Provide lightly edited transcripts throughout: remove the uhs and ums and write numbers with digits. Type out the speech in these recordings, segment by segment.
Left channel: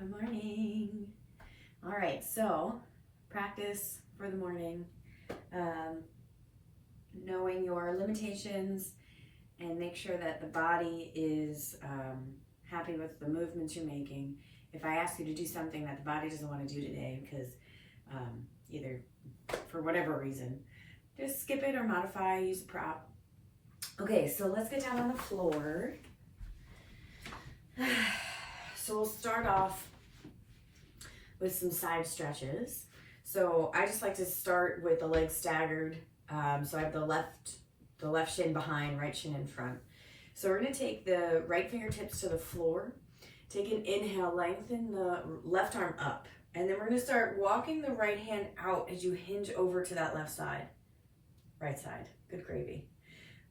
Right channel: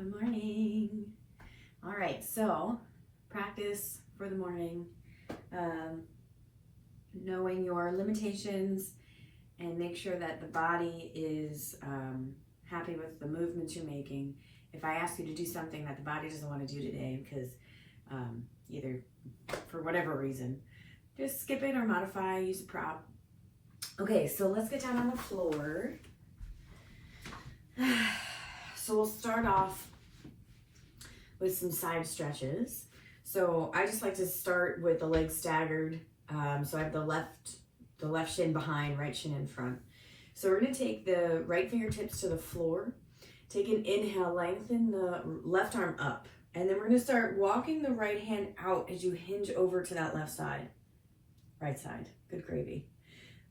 Good morning. All right, so practice for the morning, knowing your limitations, and make sure that the body is happy with the movements you're making. If I ask you to do something that the body doesn't want to do today because either for whatever reason, just skip it or modify, use a prop. Okay, so let's get down on the floor. So we'll start off with some side stretches. So I just like to start with the legs staggered. So I have the left shin behind, right shin in front. So we're gonna take the right fingertips to the floor, take an inhale, lengthen the left arm up, and then we're gonna start walking the right hand out as you hinge over to that left side. Right side, good gravy.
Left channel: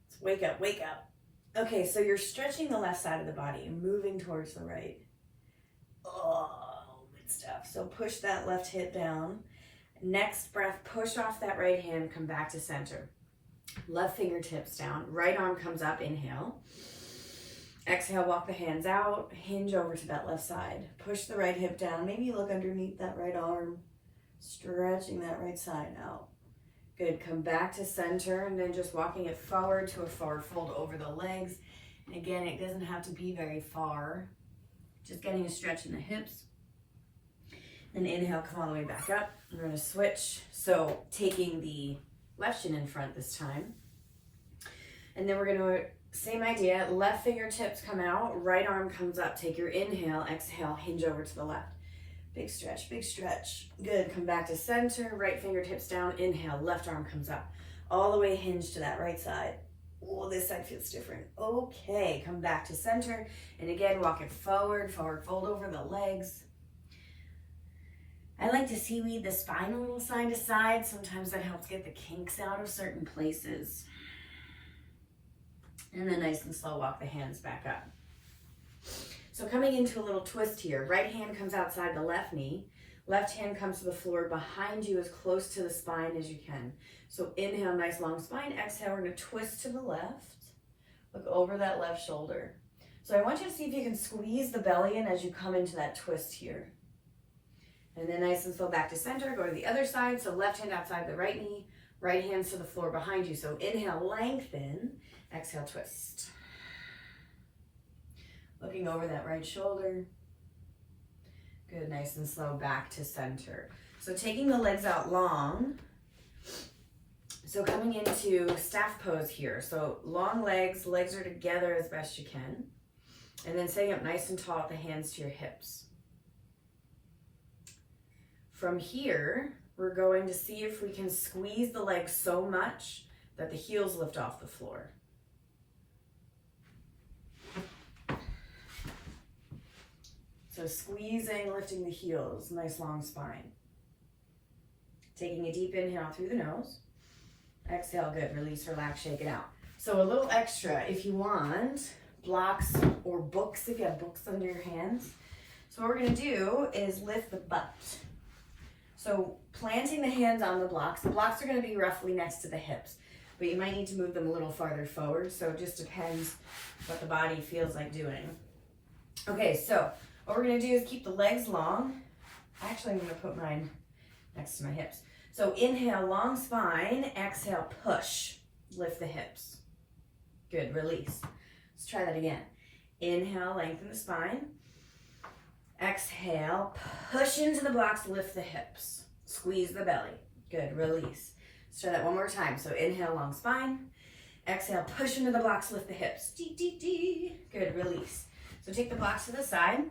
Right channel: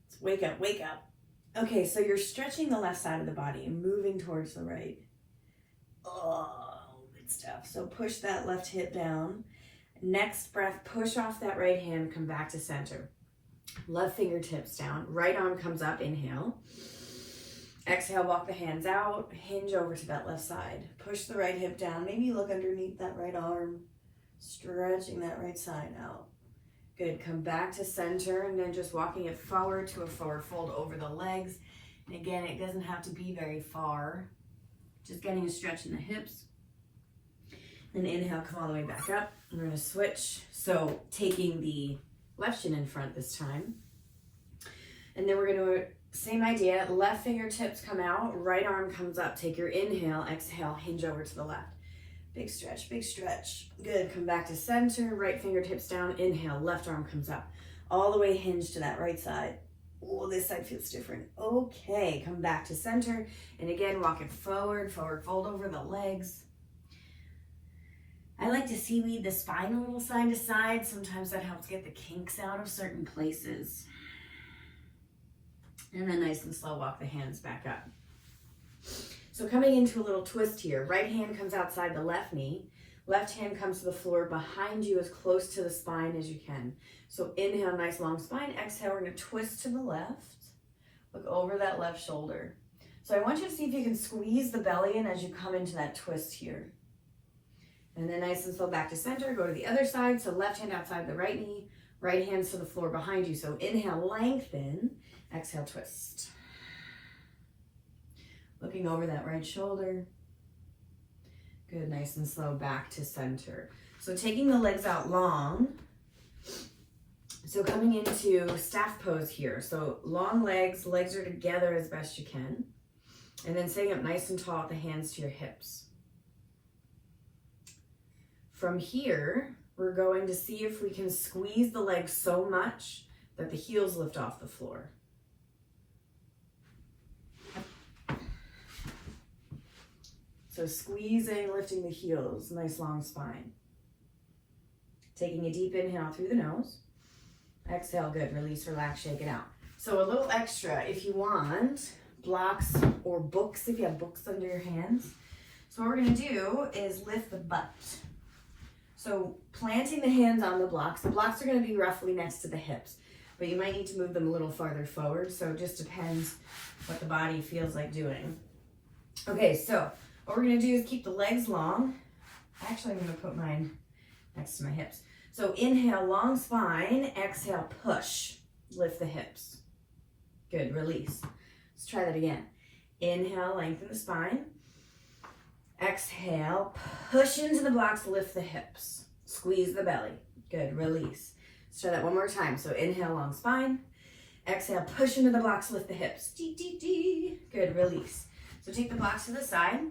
Let's wake up, wake up. Okay, so you're stretching the left side of the body and moving towards the right. Oh, good stuff. So push that left hip down. Next breath, push off that right hand, come back to center. Left fingertips down, right arm comes up, inhale. Exhale, walk the hands out, hinge over to that left side. Push the right hip down, maybe look underneath that right arm, stretching that right side out. Good, come back to center and then just walking it forward to a forward fold over the legs. And again, it doesn't have to be very far. Just getting a stretch in the hips. And inhale, come all the way back up. We're gonna switch. So taking the left shin in front this time. And then we're gonna, same idea, left fingertips come out, right arm comes up. Take your inhale, exhale, hinge over to the left. Big stretch, big stretch. Good, come back to center, right fingertips down, inhale, left arm comes up. All the way hinge to that right side. Oh, this side feels different. Okay, come back to center. And again, walk it forward, forward fold over the legs. I like to seaweed the spine a little side to side. Sometimes that helps get the kinks out of certain places. And then nice and slow, walk the hands back up. So coming into a little twist here, right hand comes outside the left knee, left hand comes to the floor behind you as close to the spine as you can. So inhale, nice long spine, exhale, we're gonna twist to the left, look over that left shoulder. So I want you to see if you can squeeze the belly in as you come into that twist here. And then nice and slow back to center, go to the other side, so left hand outside the right knee, right hands to the floor behind you. So inhale, lengthen, exhale, twist. Looking over that right shoulder. Good, nice and slow back to center. So taking the legs out long. So coming into staff pose here. So long legs, legs are together as best you can. And then sitting up nice and tall with the hands to your hips. From here, we're going to see if we can squeeze the legs so much that the heels lift off the floor. So squeezing, lifting the heels, nice long spine. Taking a deep inhale through the nose. Exhale, good, release, relax, shake it out. So a little extra, if you want, blocks or books, if you have books under your hands. So what we're gonna do is lift the butt. So planting the hands on the blocks are gonna be roughly next to the hips, but you might need to move them a little farther forward, so it just depends what the body feels like doing. Okay, so what we're gonna do is keep the legs long. Actually, I'm gonna put mine next to my hips. So inhale, long spine, exhale, push, lift the hips. Good, release. Let's try that again. Inhale, lengthen the spine. Exhale, push into the blocks, lift the hips. Squeeze the belly. Good, release. Let's try that one more time. So inhale, long spine. Exhale, push into the blocks, lift the hips. Dee, dee, dee. Good, release. So take the blocks to the side.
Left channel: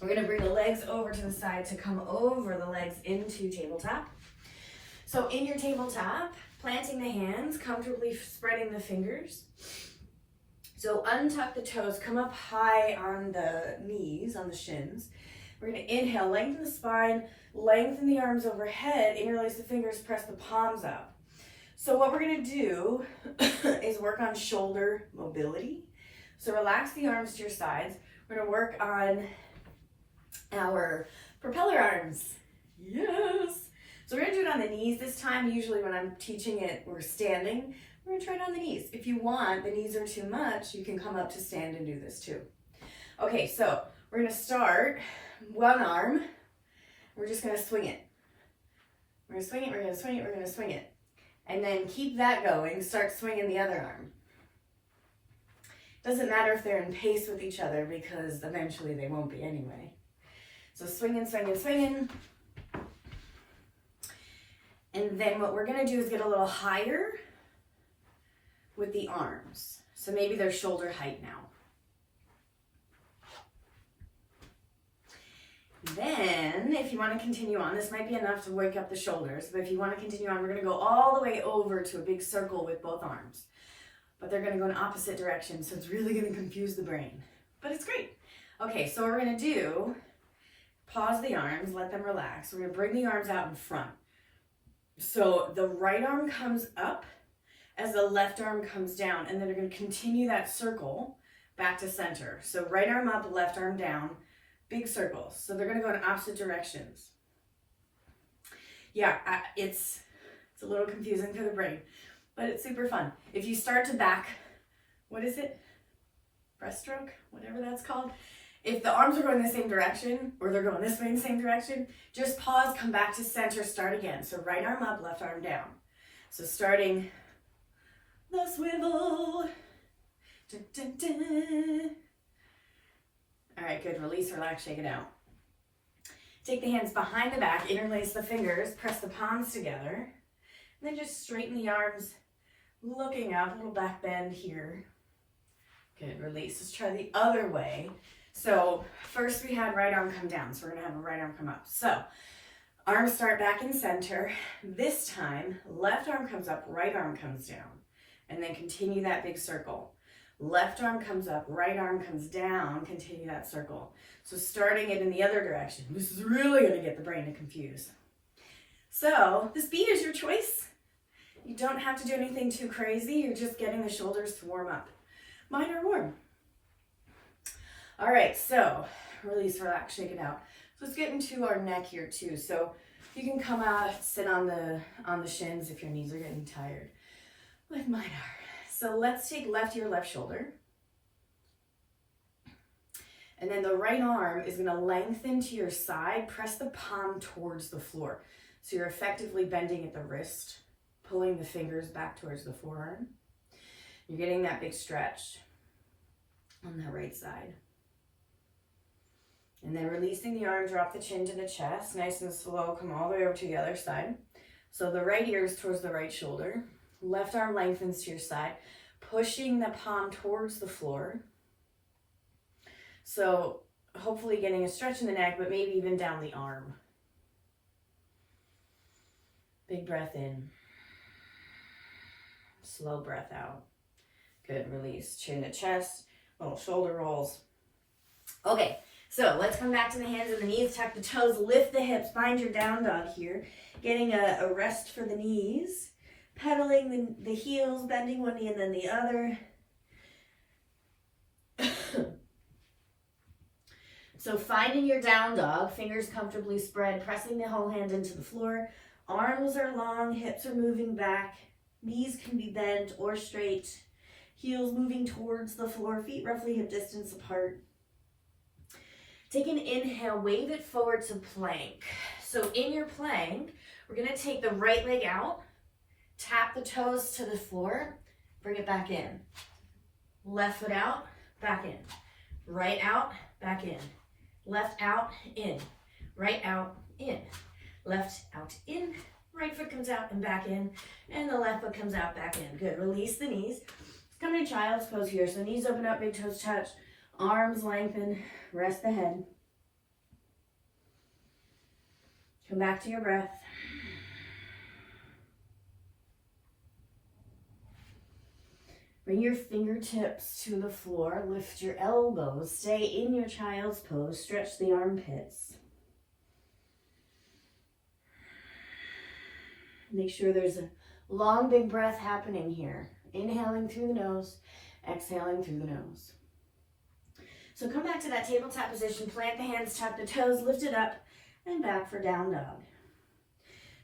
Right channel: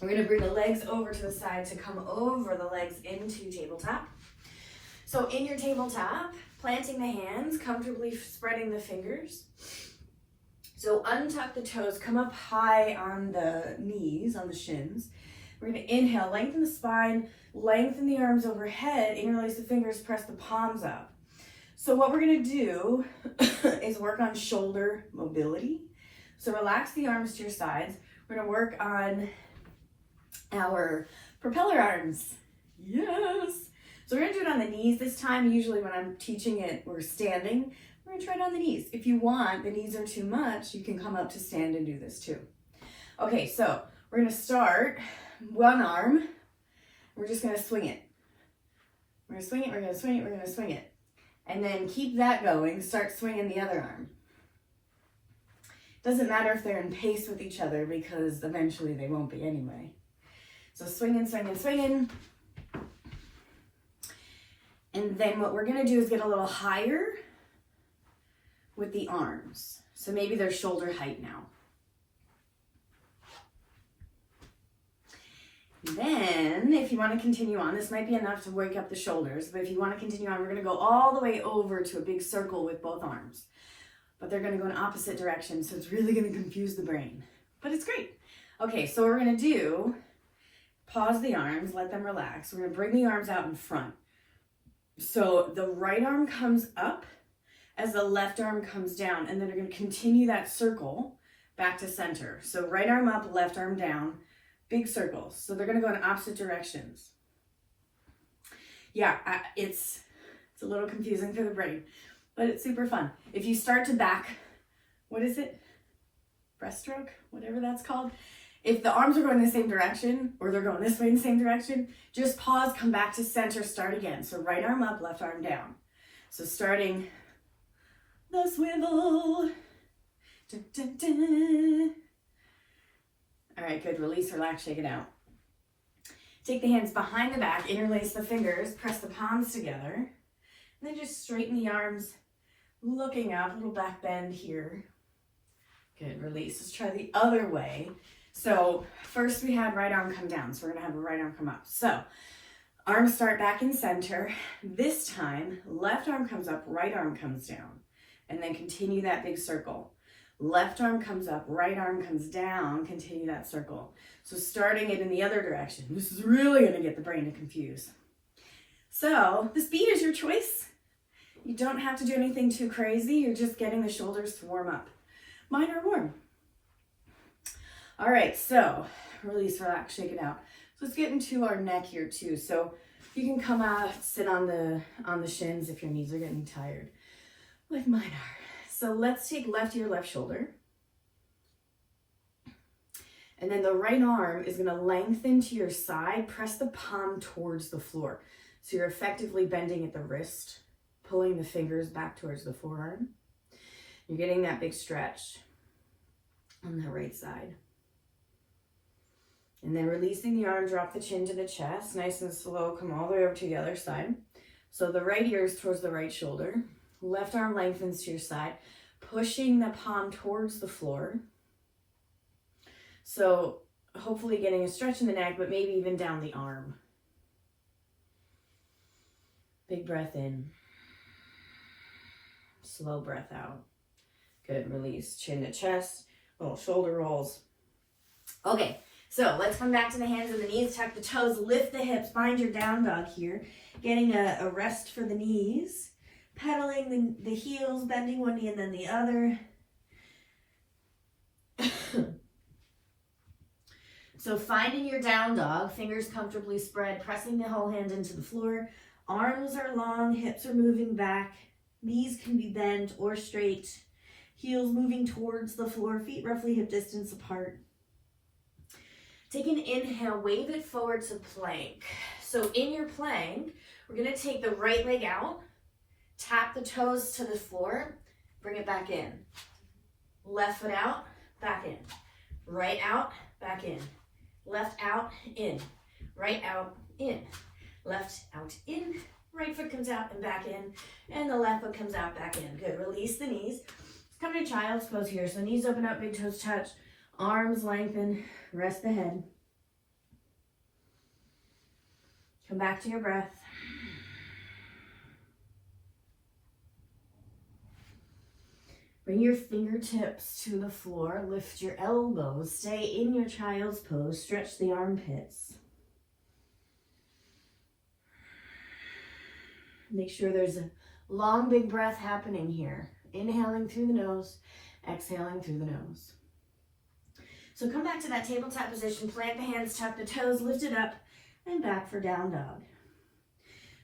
We're gonna bring the legs over to the side to come over the legs into tabletop. So in your tabletop, planting the hands, comfortably spreading the fingers. So untuck the toes, come up high on the knees, on the shins. We're gonna inhale, lengthen the spine, lengthen the arms overhead, interlace the fingers, press the palms up. So what we're gonna do is work on shoulder mobility. So relax the arms to your sides. We're gonna work on our propeller arms. Yes. So we're gonna do it on the knees this time. Usually when I'm teaching it, we're standing. We're gonna try it on the knees. If you want, the knees are too much, you can come up to stand and do this too. Okay, so we're gonna start one arm. We're just going to swing it. We're going to swing it, we're going to swing it, we're going to swing it. And then keep that going. Start swinging the other arm. Doesn't matter if they're in pace with each other because eventually they won't be anyway. So swinging, swinging, swinging. And then what we're going to do is get a little higher with the arms. So maybe they're shoulder height now. Then, if you want to continue on, this might be enough to wake up the shoulders, but if you want to continue on, we're going to go all the way over to a big circle with both arms. But they're going to go in opposite directions, so it's really going to confuse the brain. But it's great. Okay, so what we're going to do, pause the arms, let them relax. We're going to bring the arms out in front. So the right arm comes up as the left arm comes down, and then they're going to continue that circle back to center. So right arm up, left arm down. Big circles. So they're going to go in opposite directions. Yeah, it's a little confusing for the brain, but it's super fun. If you start to back, what is it? Breaststroke, whatever that's called. If the arms are going the same direction or they're going this way in the same direction, just pause, come back to center, start again. So right arm up, left arm down. So starting the swivel. Dun, dun, dun. All right, good. Release, relax, shake it out. Take the hands behind the back, interlace the fingers, press the palms together, and then just straighten the arms, looking up, a little back bend here. Good, release. Let's try the other way. So first we had right arm come down, so we're gonna have a right arm come up. So arms start back in center. This time, left arm comes up, right arm comes down, and then continue that big circle. Left arm comes up, right arm comes down, continue that circle. So starting it in the other direction. This is really going to get the brain to confuse. So the speed is your choice. You don't have to do anything too crazy. You're just getting the shoulders to warm up. Mine are warm. All right, so release, relax, shake it out. So let's get into our neck here too. So you can come out, sit on the shins if your knees are getting tired, like mine are. So let's take left ear, left shoulder. And then the right arm is going to lengthen to your side. Press the palm towards the floor. So you're effectively bending at the wrist, pulling the fingers back towards the forearm. You're getting that big stretch on the right side. And then releasing the arm, drop the chin to the chest. Nice and slow, come all the way over to the other side. So the right ear is towards the right shoulder. Left arm lengthens to your side, pushing the palm towards the floor. So hopefully getting a stretch in the neck, but maybe even down the arm. Big breath in. Slow breath out. Good, release. Chin to chest, little shoulder rolls. Okay, so let's come back to the hands and the knees. Tuck the toes, lift the hips, find your down dog here. Getting a rest for the knees. Pedaling the heels, bending one knee and then the other. So finding your down dog, fingers comfortably spread, pressing the whole hand into the floor. Arms are long, hips are moving back. Knees can be bent or straight. Heels moving towards the floor, feet roughly hip distance apart. Take an inhale, wave it forward to plank. So in your plank, we're going to take the right leg out. Tap the toes to the floor, bring it back in. Left foot out, back in. Right out, back in. Left out, in. Right out, in. Left out, in. Right foot comes out and back in. And the left foot comes out, back in. Good. Release the knees. Let's come to child's pose here. So knees open up, big toes touch. Arms lengthen. Rest the head. Come back to your breath. Bring your fingertips to the floor, lift your elbows, stay in your child's pose, stretch the armpits. Make sure there's a long, big breath happening here. Inhaling through the nose, exhaling through the nose. So come back to that tabletop position, plant the hands, tuck the toes, lift it up, and back for down dog.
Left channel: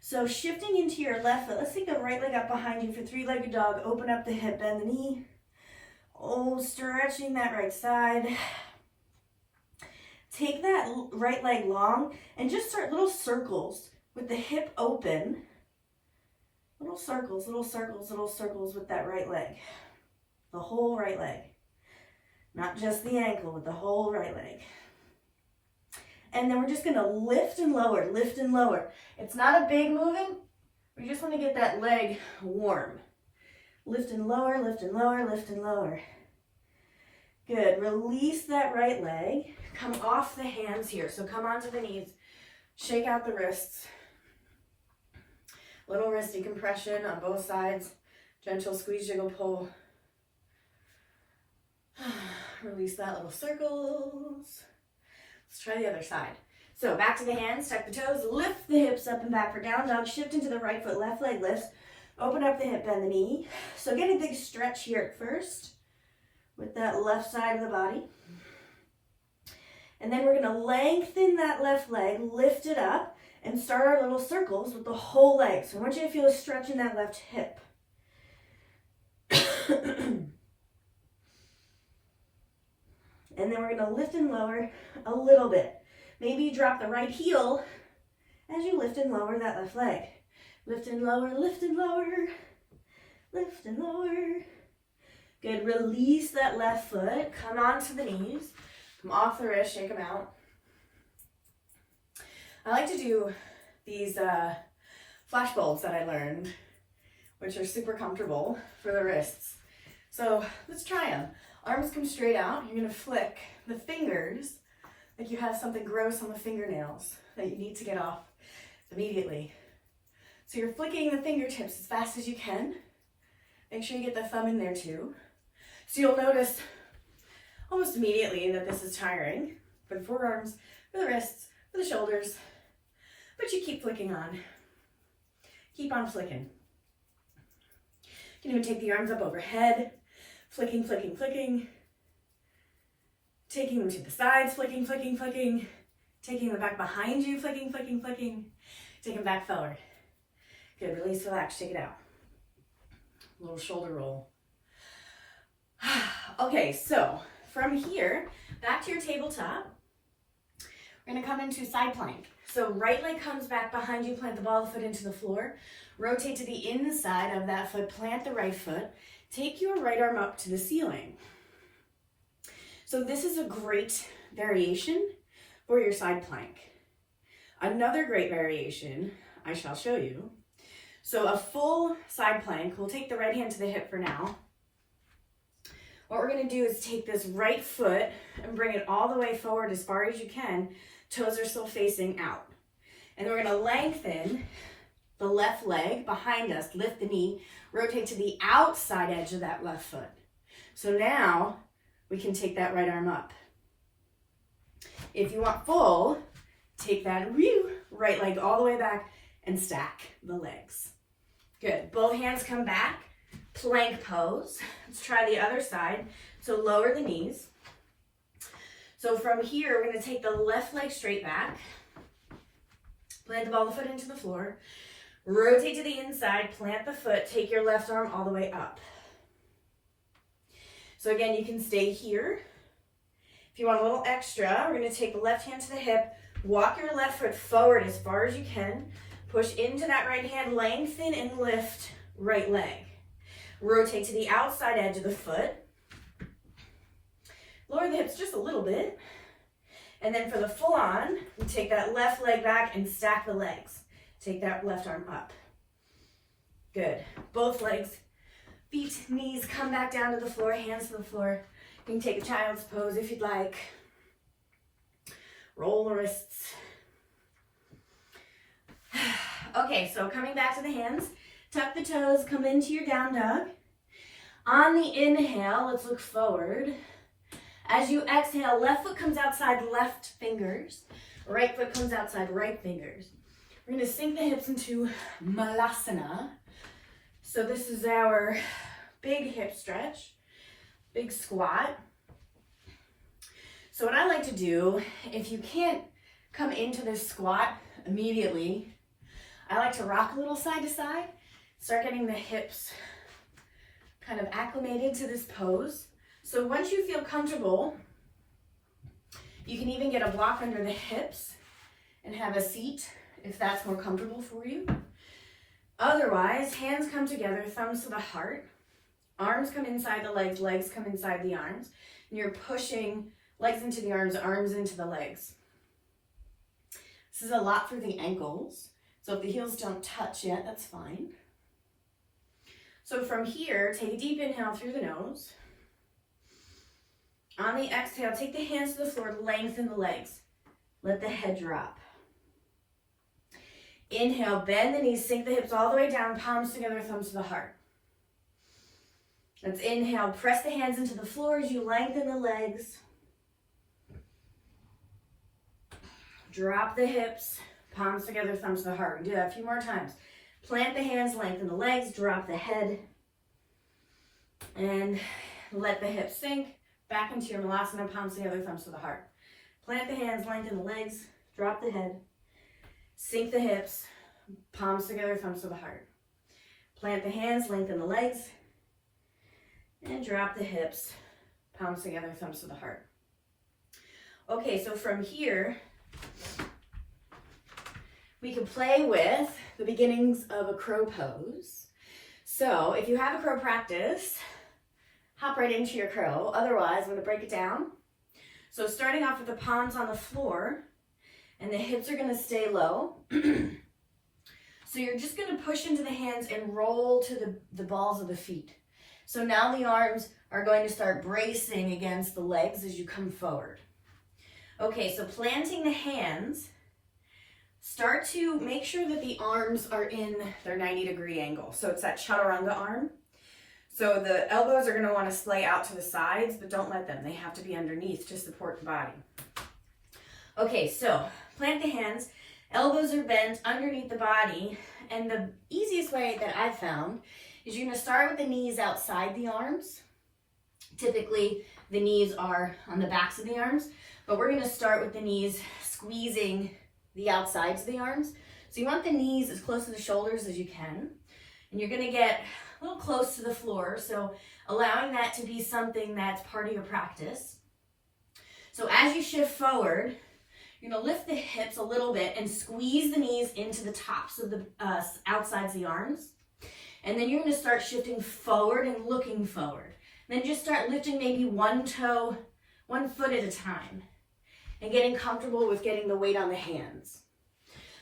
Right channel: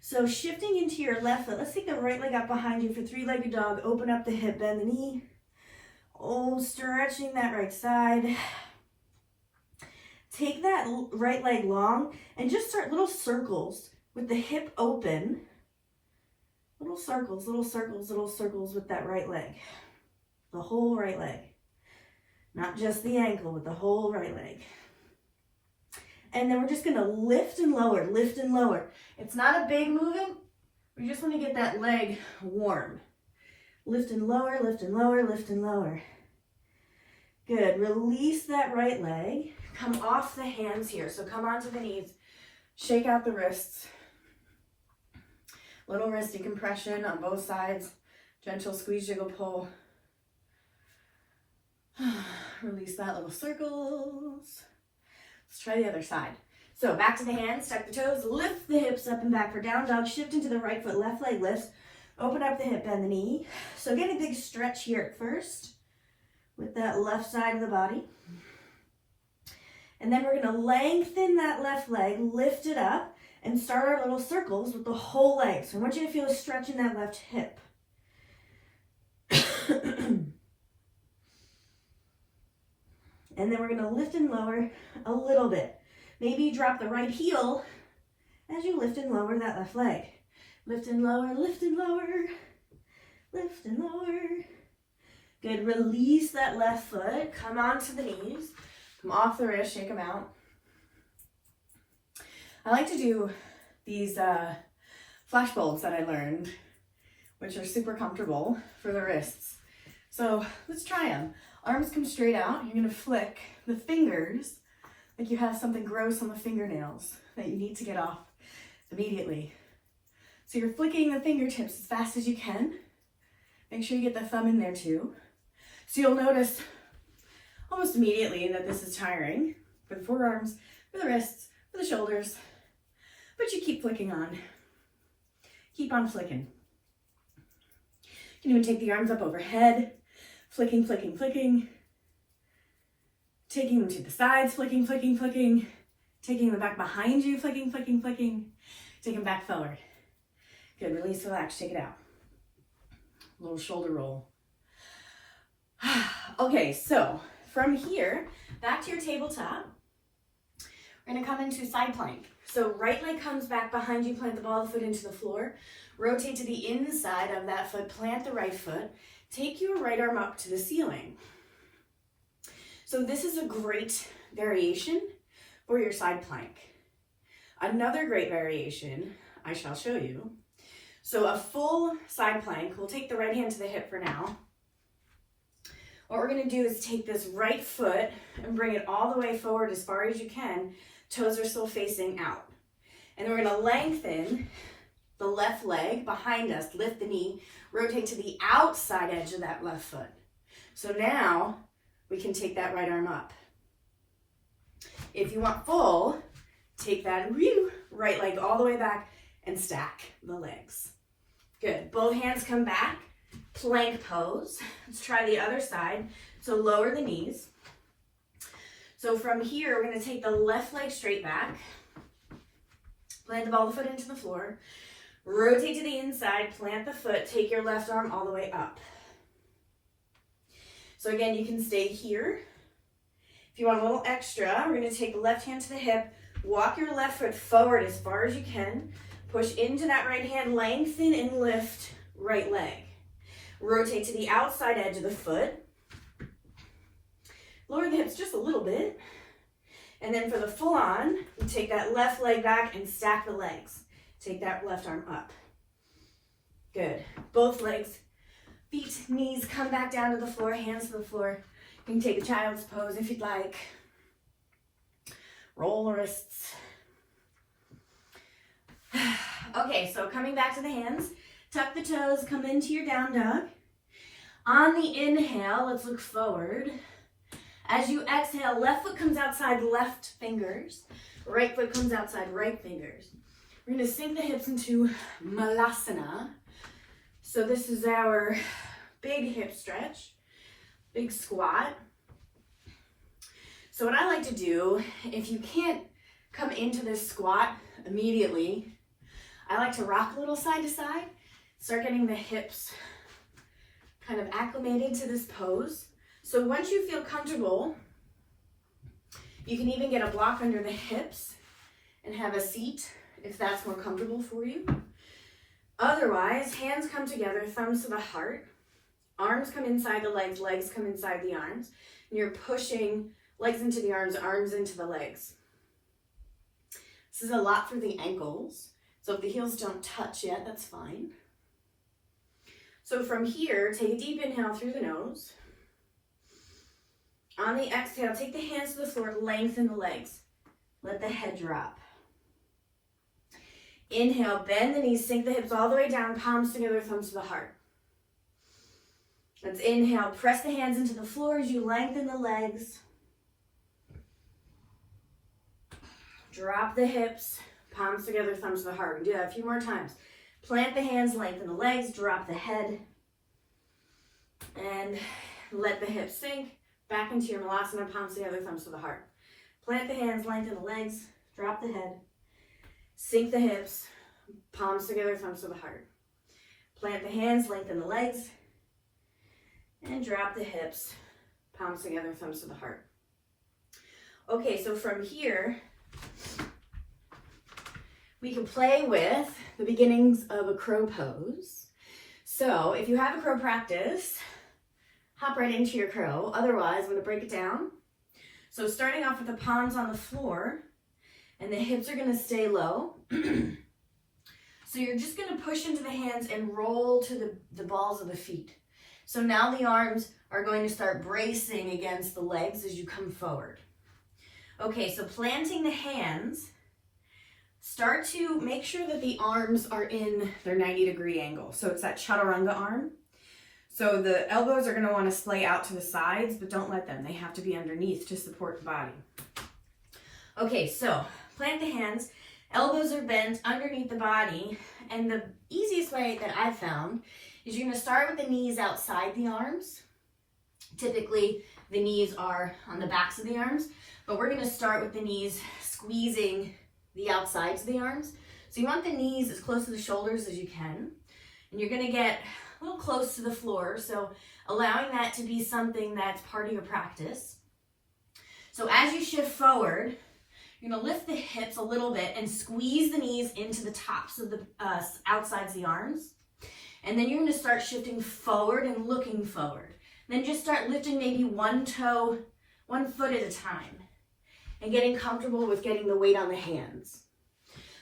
So shifting into your left foot, let's take the right leg up behind you for three-legged dog. Open up the hip, bend the knee. Oh, stretching that right side. take that right leg long and just start little circles with the hip open. Little circles, little circles, little circles with that right leg. The whole right leg. Not just the ankle, but the whole right leg. And then we're just gonna lift and lower, lift and lower. It's not a big movement. We just wanna get that leg warm. Lift and lower, lift and lower, lift and lower. Good, release that right leg. Come off the hands here. So come onto the knees, shake out the wrists. Little wrist decompression on both sides. Gentle squeeze, jiggle, pull. Release that, little circles. Let's try the other side. So back to the hands, tuck the toes, lift the hips up and back for down dog, shift into the right foot, left leg lifts, open up the hip, bend the knee. So get a big stretch here at first with that left side of the body. And then we're gonna lengthen that left leg, lift it up, and start our little circles with the whole leg. So I want you to feel a stretch in that left hip. And then we're gonna lift and lower a little bit. Maybe you drop the right heel as you lift and lower that left leg. Lift and lower, lift and lower, lift and lower. Good, release that left foot, come onto the knees, come off the wrist, shake them out. I like to do these flash bulbs that I learned, which are super comfortable for the wrists. So let's try them. Arms come straight out. You're gonna flick the fingers like you have something gross on the fingernails that you need to get off immediately. So you're flicking the fingertips as fast as you can. Make sure you get the thumb in there too. So you'll notice almost immediately that this is tiring for the forearms, for the wrists, for the shoulders, but you keep flicking on. Keep on flicking. You can even take the arms up overhead, flicking, flicking, flicking. Taking them to the sides, flicking, flicking, flicking. Taking them back behind you, flicking, flicking, flicking. Take them back forward. Good, release, relax, shake it out. Little shoulder roll. Okay, so from here, back to your tabletop. We're gonna come into side plank. So right leg comes back behind you, plant the ball of the foot into the floor. Rotate to the inside of that foot, plant the right foot. Take your right arm up to the ceiling. So this is a great variation for your side plank. Another great variation I shall show you. So a full side plank, we'll take the right hand to the hip for now. What we're gonna do is take this right foot and bring it all the way forward as far as you can. Toes are still facing out. And we're gonna lengthen the left leg behind us, lift the knee, rotate to the outside edge of that left foot. So now we can take that right arm up. If you want full, take that right leg all the way back and stack the legs. Good, both hands come back, plank pose. Let's try the other side. So lower the knees. So from here, we're gonna take the left leg straight back, plant the ball of the foot into the floor, rotate to the inside, plant the foot, take your left arm all the way up. So again, you can stay here. If you want a little extra, we're gonna take the left hand to the hip, walk your left foot forward as far as you can, push into that right hand, lengthen and lift right leg. Rotate to the outside edge of the foot. Lower the hips just a little bit. And then for the full on, you take that left leg back and stack the legs. Take that left arm up. Good. Both legs, feet, knees, come back down to the floor, hands to the floor. You can take a child's pose if you'd like. Roll the wrists. Okay, so coming back to the hands, tuck the toes, come into your down dog. On the inhale, let's look forward. As you exhale, left foot comes outside, left fingers. Right foot comes outside, right fingers. We're gonna sink the hips into Malasana. So this is our big hip stretch, big squat. So what I like to do, if you can't come into this squat immediately, I like to rock a little side to side, start getting the hips kind of acclimated to this pose. So once you feel comfortable, You can even get a block under the hips and have a seat if that's more comfortable for you. Otherwise, hands come together, thumbs to the heart. Arms come inside the legs, legs come inside the arms. And you're pushing legs into the arms into the legs. This is a lot for the ankles. So if the heels don't touch yet, that's fine. So from here, take a deep inhale through the nose. On the exhale, take the hands to the floor, lengthen the legs. Let the head drop. Inhale, bend the knees, sink the hips all the way down, palms together, thumbs to the heart. Let's inhale, press the hands into the floor as you lengthen the legs. Drop the hips, palms together, thumbs to the heart. We do that a few more times. Plant the hands, lengthen the legs, drop the head, and let the hips sink. Back into your Malasana, palms together, thumbs to the heart. Plant the hands, lengthen the legs, drop the head, sink the hips, palms together, thumbs to the heart. Plant the hands, lengthen the legs, and drop the hips, palms together, thumbs to the heart. Okay, so from here, we can play with the beginnings of a crow pose. So if you have a crow practice, hop right into your crow. Otherwise, I'm going to break it down. So starting off with the palms on the floor, and the hips are going to stay low. So you're just going to push into the hands and roll to the balls of the feet. So now the arms are going to start bracing against the legs as you come forward. Okay, so planting the hands, start to make sure that the arms are in their 90-degree angle. So it's that chaturanga arm. So the elbows are going to want to splay out to the sides, but don't let them. They have to be underneath to support the body. Okay, so plant the hands. Elbows are bent underneath the body. And the easiest way that I've found is you're going to start with the knees outside the arms. Typically, the knees are on the backs of the arms, but we're going to start with the knees squeezing the outsides of the arms. So you want the knees as close to the shoulders as you can. And you're going to get a little close to the floor, so allowing that to be something that's part of your practice. So as you shift forward, you're going to lift the hips a little bit and squeeze the knees into the tops of the outsides of the arms. And then you're going to start shifting forward and looking forward. And then just start lifting maybe one toe, 1 foot at a time, and getting comfortable with getting the weight on the hands.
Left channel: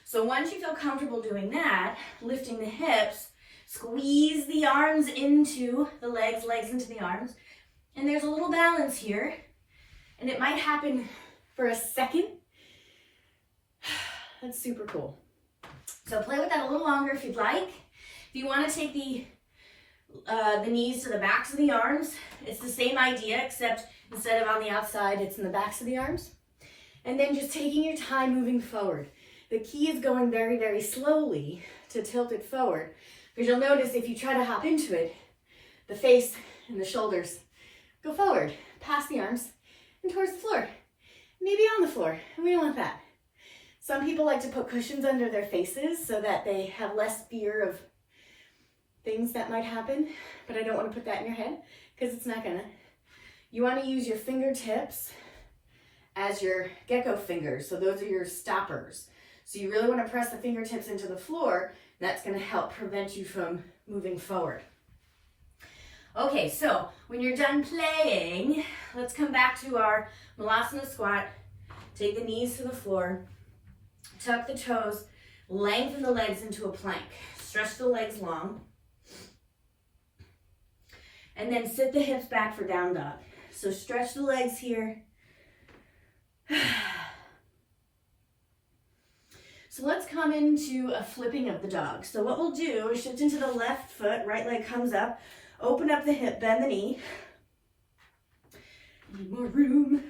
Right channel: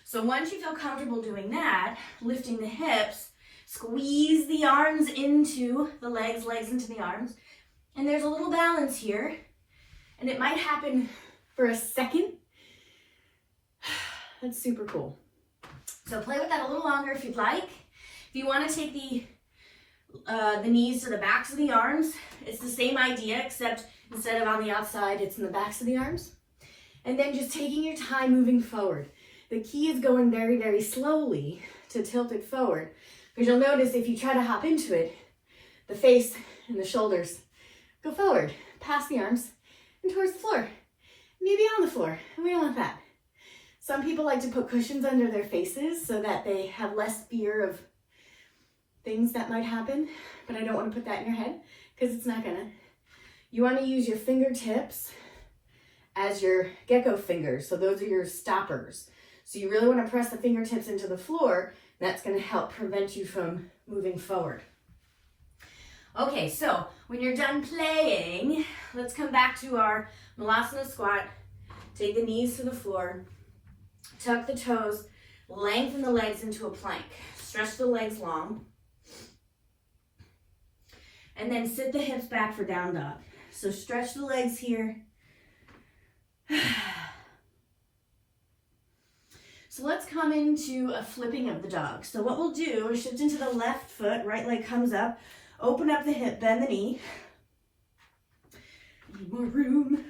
So once you feel comfortable doing that, lifting the hips, squeeze the arms into the legs, legs into the arms. And there's a little balance here. And it might happen for a second. That's super cool. So play with that a little longer if you'd like. If you want to take the knees to the backs of the arms, it's the same idea, except instead of on the outside, it's in the backs of the arms. And then just taking your time moving forward. The key is going very, very slowly to tilt it forward. Because you'll notice if you try to hop into it, the face and the shoulders go forward, past the arms, and towards the floor. Maybe on the floor, and we don't want that. Some people like to put cushions under their faces so that they have less fear of things that might happen, but I don't want to put that in your head because it's not gonna. You want to use your fingertips as your gecko fingers, so those are your stoppers. So you really want to press the fingertips into the floor. That's going to help prevent you from moving forward. Okay, so when you're done playing, let's come back to our Malasana squat. Take the knees to the floor, tuck the toes, lengthen the legs into a plank. Stretch the legs long. And then sit the hips back for down dog. So stretch the legs here. So let's come into a flipping of the dog. So what we'll do is shift into the left foot, right leg comes up, open up the hip, bend the knee. Need more room.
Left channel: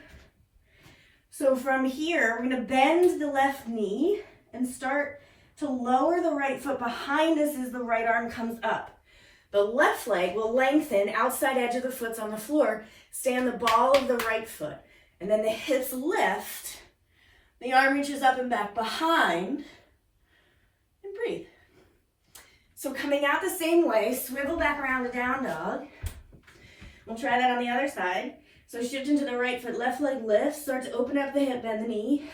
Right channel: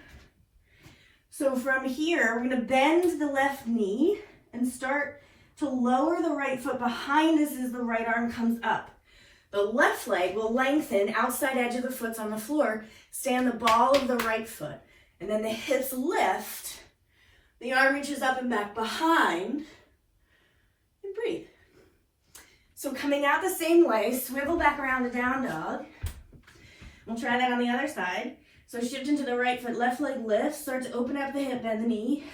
So from here, we're going to bend the left knee and start to lower the right foot behind us as the right arm comes up. The left leg will lengthen, outside edge of the foot's on the floor, stay on the ball of the right foot. And then the hips lift. The arm reaches up and back behind, and breathe. So coming out the same way, swivel back around to down dog. We'll try that on the other side. So So shift into the right foot, left leg lifts, start to open up the hip, bend the knee.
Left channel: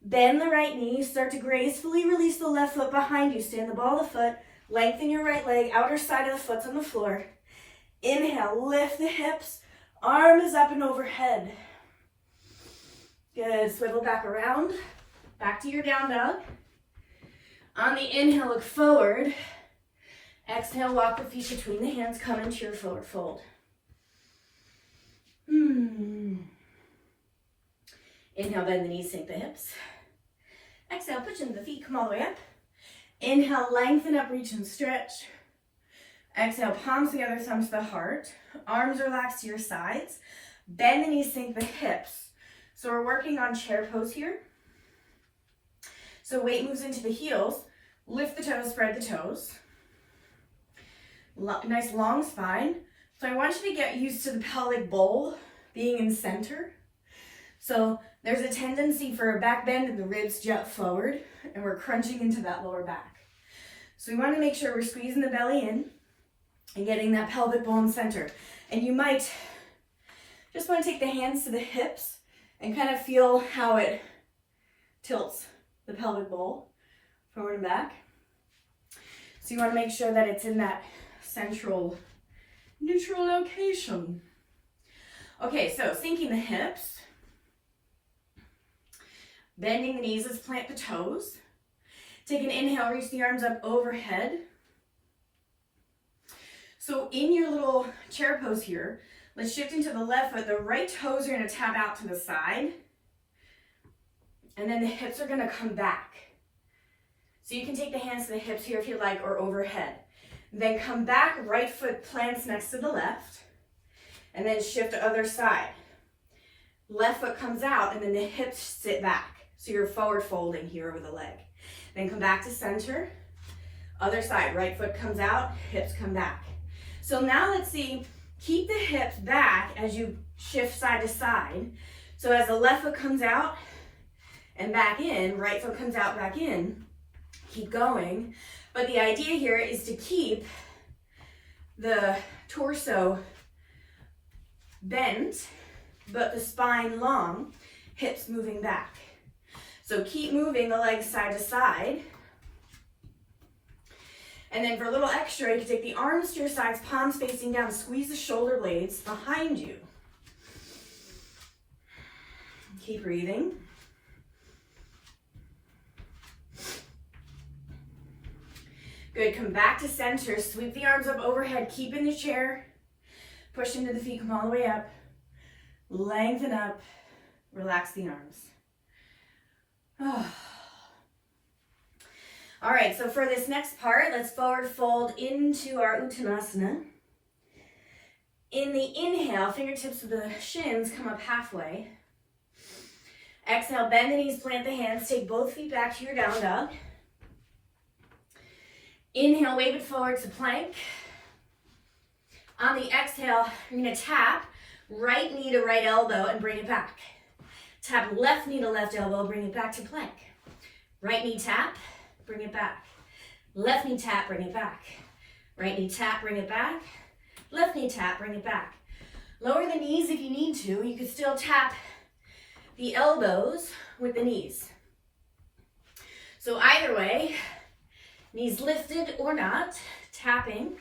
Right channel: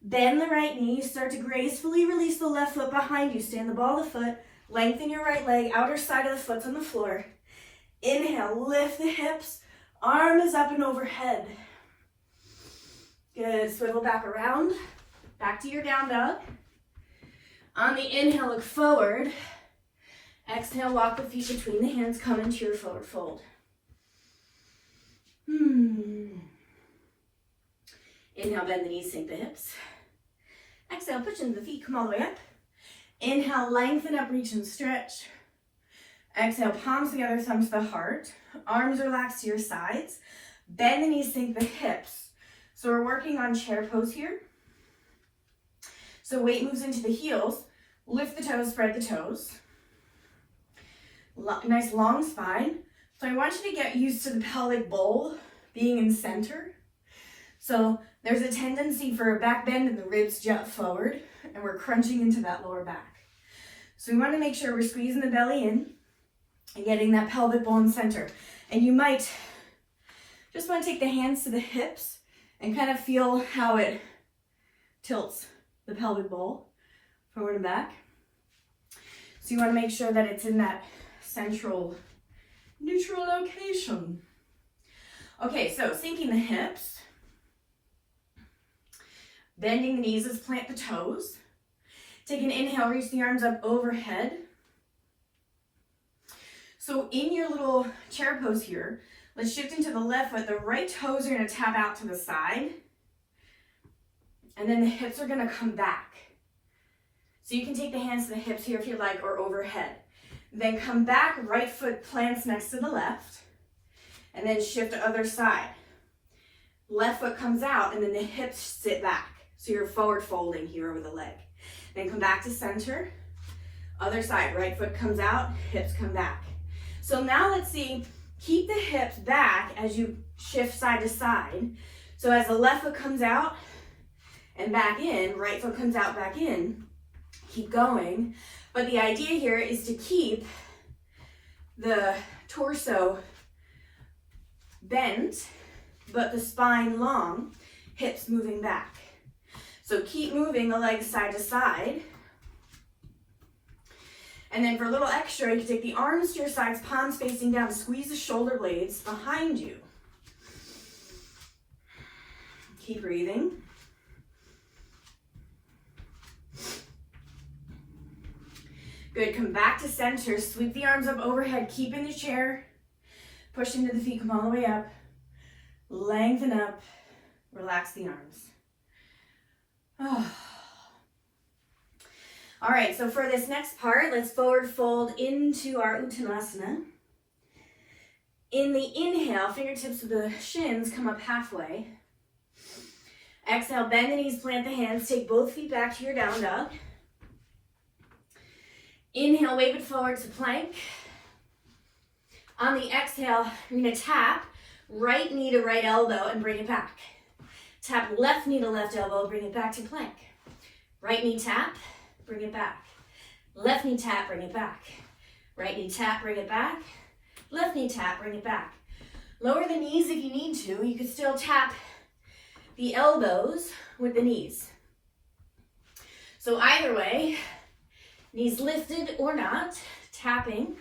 Bend the right knee, start to gracefully release the left foot behind you. Stand the ball of the foot, lengthen your right leg, outer side of the foot's on the floor. Inhale, lift the hips, arm is up and overhead. Good, swivel back around, back to your down dog. On the inhale, look forward. Exhale, walk the feet between the hands, come into your forward fold. Inhale, bend the knees, sink the hips. Exhale, push into the feet, come all the way up. Inhale, lengthen up, reach and stretch. Exhale, palms together, thumbs to the heart. Arms relax to your sides. Bend the knees, sink the hips. So we're working on chair pose here. So weight moves into the heels. Lift the toes, spread the toes. Nice long spine. So I want you to get used to the pelvic bowl being in center. So there's a tendency for a back bend and the ribs jut forward, and we're crunching into that lower back. So we want to make sure we're squeezing the belly in and getting that pelvic bowl in center. And you might just want to take the hands to the hips and kind of feel how it tilts the pelvic bowl forward and back. So you want to make sure that it's in that central, neutral location. Okay, so sinking the hips. Bending the knees, let's plant the toes. Take an inhale, reach the arms up overhead. So in your little chair pose here, let's shift into the left foot. The right toes are gonna tap out to the side. And then the hips are gonna come back. So you can take the hands to the hips here if you like, or overhead. Then come back, right foot plants next to the left. And then shift to other side. Left foot comes out and then the hips sit back. So you're forward folding here over the leg. Then come back to center. Other side, right foot comes out, hips come back. So now let's see, keep the hips back as you shift side to side. So as the left foot comes out and back in, right foot comes out, back in, keep going. But the idea here is to keep the torso bent, but the spine long, hips moving back. So keep moving the legs side to side. And then for a little extra, you can take the arms to your sides, palms facing down, squeeze the shoulder blades behind you. Keep breathing. Good, come back to center, sweep the arms up overhead, keep in the chair, push into the feet, come all the way up, lengthen up, relax the arms. Oh. All right, so for this next part, let's forward fold into our Uttanasana. In the inhale, fingertips of the shins come up halfway. Exhale, bend the knees, plant the hands, take both feet back to your down dog. Inhale, wave it forward to plank. On the exhale, you're gonna tap right knee to right elbow and bring it back. Tap left knee to left elbow, bring it back to plank. Right knee tap, bring it back. Left knee tap, bring it back. Right knee tap, bring it back. Left knee tap, bring it back. Lower the knees if you need to. You can still tap the elbows with the knees. So either way, knees lifted or not, tapping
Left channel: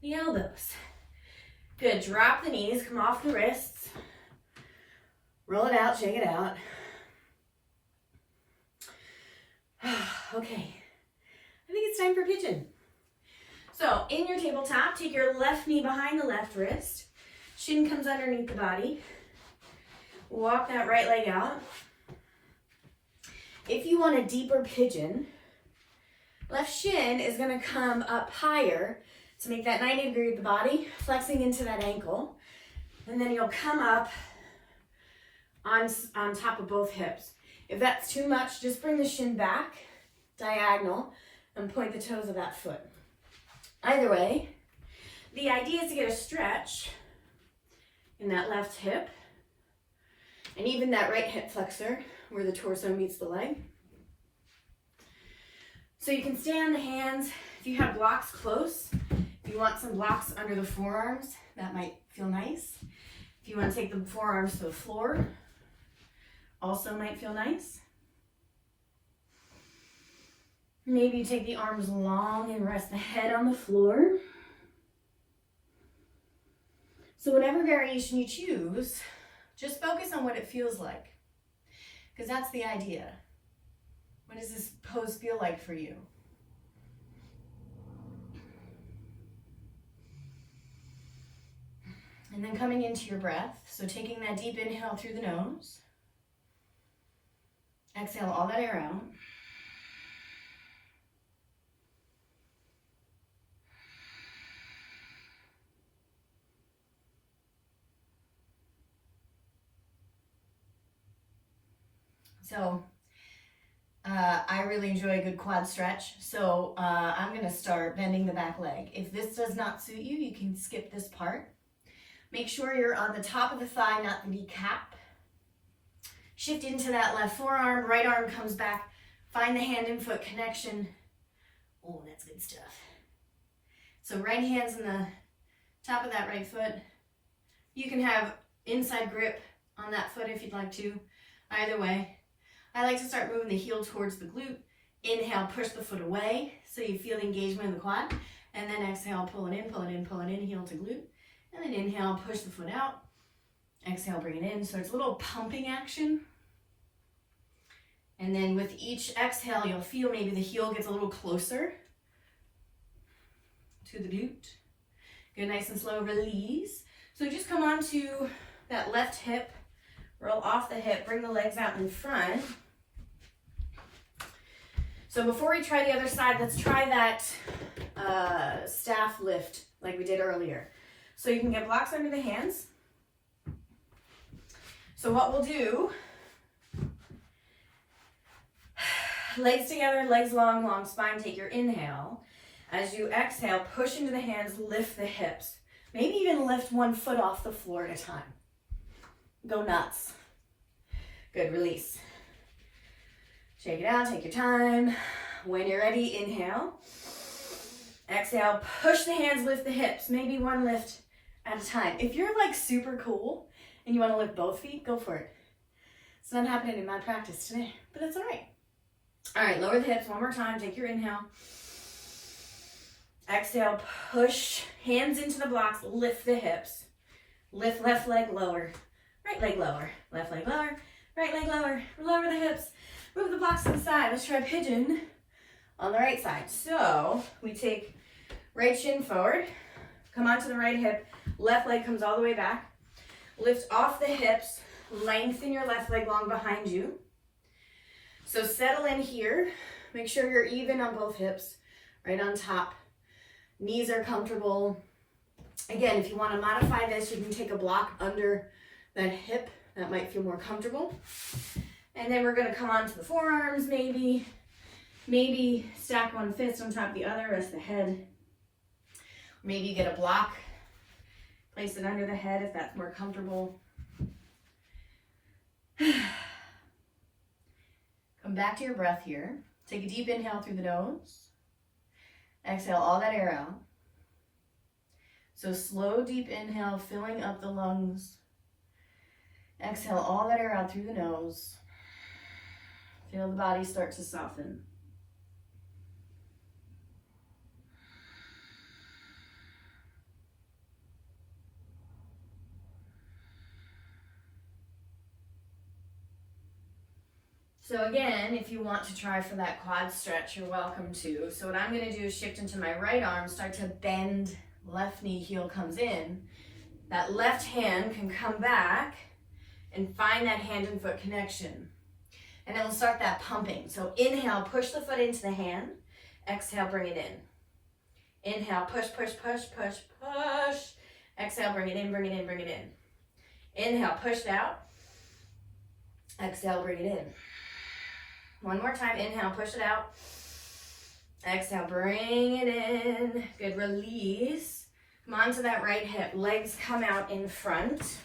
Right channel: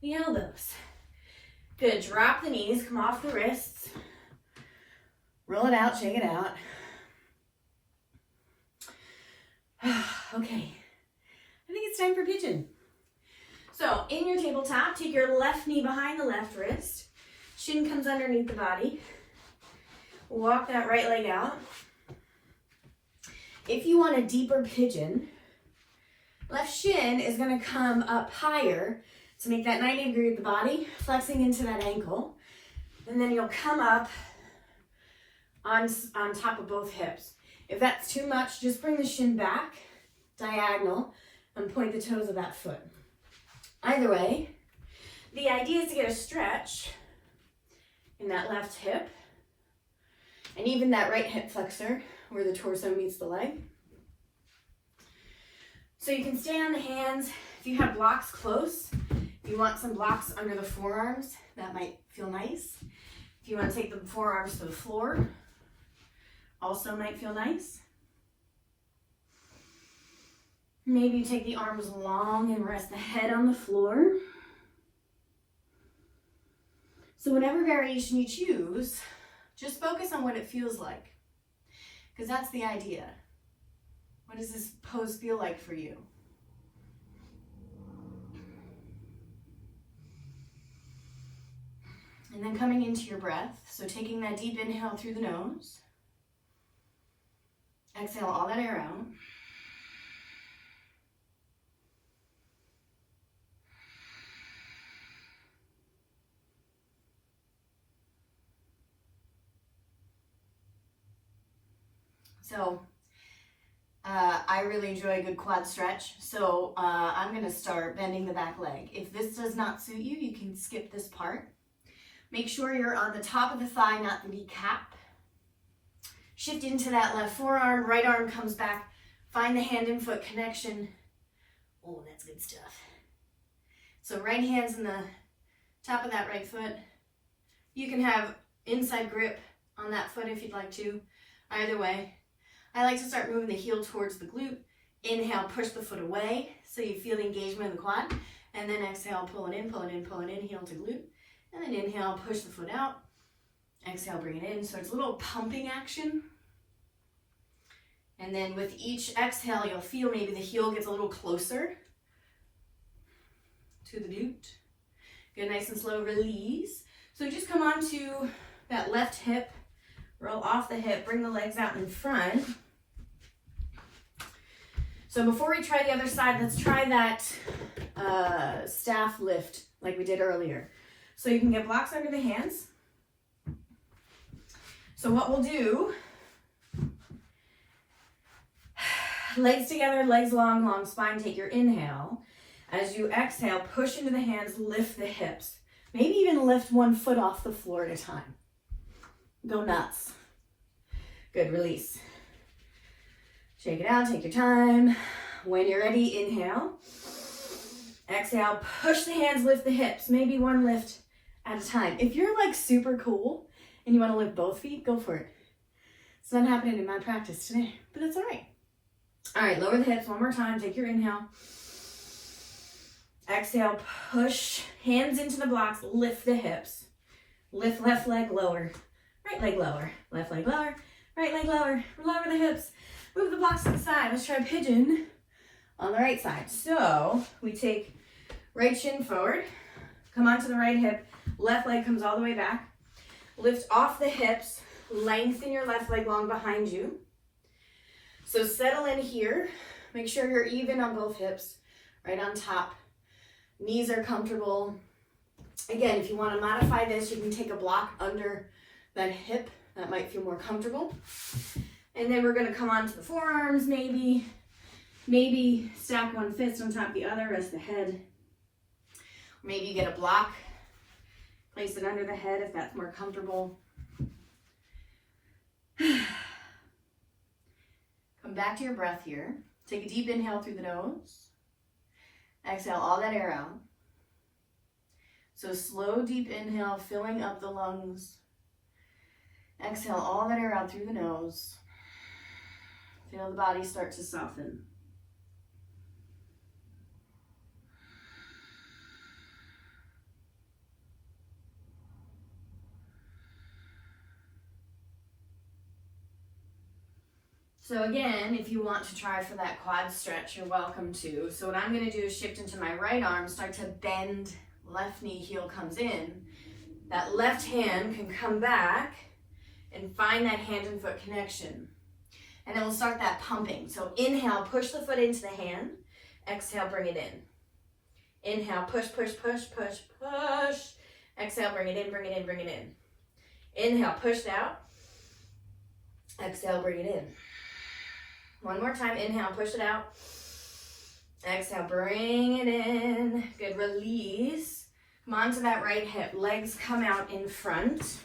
the elbows. Good, drop the knees, come off the wrists. Roll it out, shake it out. Okay, I think it's time for pigeon. So in your tabletop, take your left knee behind the left wrist. Shin comes underneath the body. Walk that right leg out. If you want a deeper pigeon, left shin is gonna come up higher to make that 90 degree with the body, flexing into that ankle. And then you'll come up on top of both hips. If that's too much, just bring the shin back, diagonal, and point the toes of that foot. Either way, the idea is to get a stretch in that left hip, and even that right hip flexor, where the torso meets the leg. So you can stay on the hands. If you have blocks close, if you want some blocks under the forearms, that might feel nice. If you want to take the forearms to the floor, also might feel nice. Maybe you take the arms long and rest the head on the floor. So whatever variation you choose, just focus on what it feels like, because that's the idea. What does this pose feel like for you? And then coming into your breath, so taking that deep inhale through the nose. Exhale all that air out. So I really enjoy a good quad stretch. So I'm going to start bending the back leg. If this does not suit you, you can skip this part. Make sure you're on the top of the thigh, not the kneecap. Shift into that left forearm, right arm comes back. Find the hand and foot connection. Oh, that's good stuff. So right hand's in the top of that right foot. You can have inside grip on that foot if you'd like to. Either way. I like to start moving the heel towards the glute. Inhale, push the foot away so you feel the engagement in the quad. And then exhale, pull it in, pull it in, pull it in, heel to glute. And then inhale, push the foot out. Exhale, bring it in. So it's a little pumping action. And then with each exhale, you'll feel maybe the heel gets a little closer to the glute. Good, nice and slow release. So just come onto that left hip, roll off the hip, bring the legs out in front. So before we try the other side, let's try that staff lift like we did earlier. So you can get blocks under the hands. So what we'll do, legs together, legs long, long spine, take your inhale. As you exhale, push into the hands, lift the hips. Maybe even lift one foot off the floor at a time. Go nuts. Good, release. Shake it out, take your time. When you're ready, inhale. Exhale, push the hands, lift the hips. Maybe one lift at a time. If you're like super cool and you want to lift both feet, go for it. It's not happening in my practice today, but that's all right. All right, lower the hips one more time. Take your inhale. Exhale, push hands into the blocks, lift the hips. Lift left leg lower, right leg lower, left leg lower, right leg lower, lower the hips. Move the blocks to the side. Let's try pigeon on the right side. So we take right shin forward, come onto the right hip, left leg comes all the way back. Lift off the hips, lengthen your left leg long behind you. So settle in here. Make sure you're even on both hips, right on top. Knees are comfortable. Again, if you want to modify this, you can take a block under that hip. That might feel more comfortable. And then we're going to come onto the forearms, maybe stack one fist on top of the other, rest the head. Maybe you get a block, place it under the head if that's more comfortable. Come back to your breath here. Take a deep inhale through the nose. Exhale all that air out. So slow, deep inhale, filling up the lungs. Exhale all that air out through the nose. Feel the body start to soften. So again, if you want to try for that quad stretch, you're welcome to. So what I'm going to do is shift into my right arm, start to bend, left knee, heel comes in. That left hand can come back and find that hand and foot connection. And then we'll start that pumping. So inhale, push the foot into the hand. Exhale, bring it in. Inhale, push, push, push, push, push. Exhale, bring it in, bring it in, bring it in. Inhale, push it out. Exhale, bring it in. One more time, inhale, push it out. Exhale, bring it in. Good, release. Come onto that right hip, legs come out in front.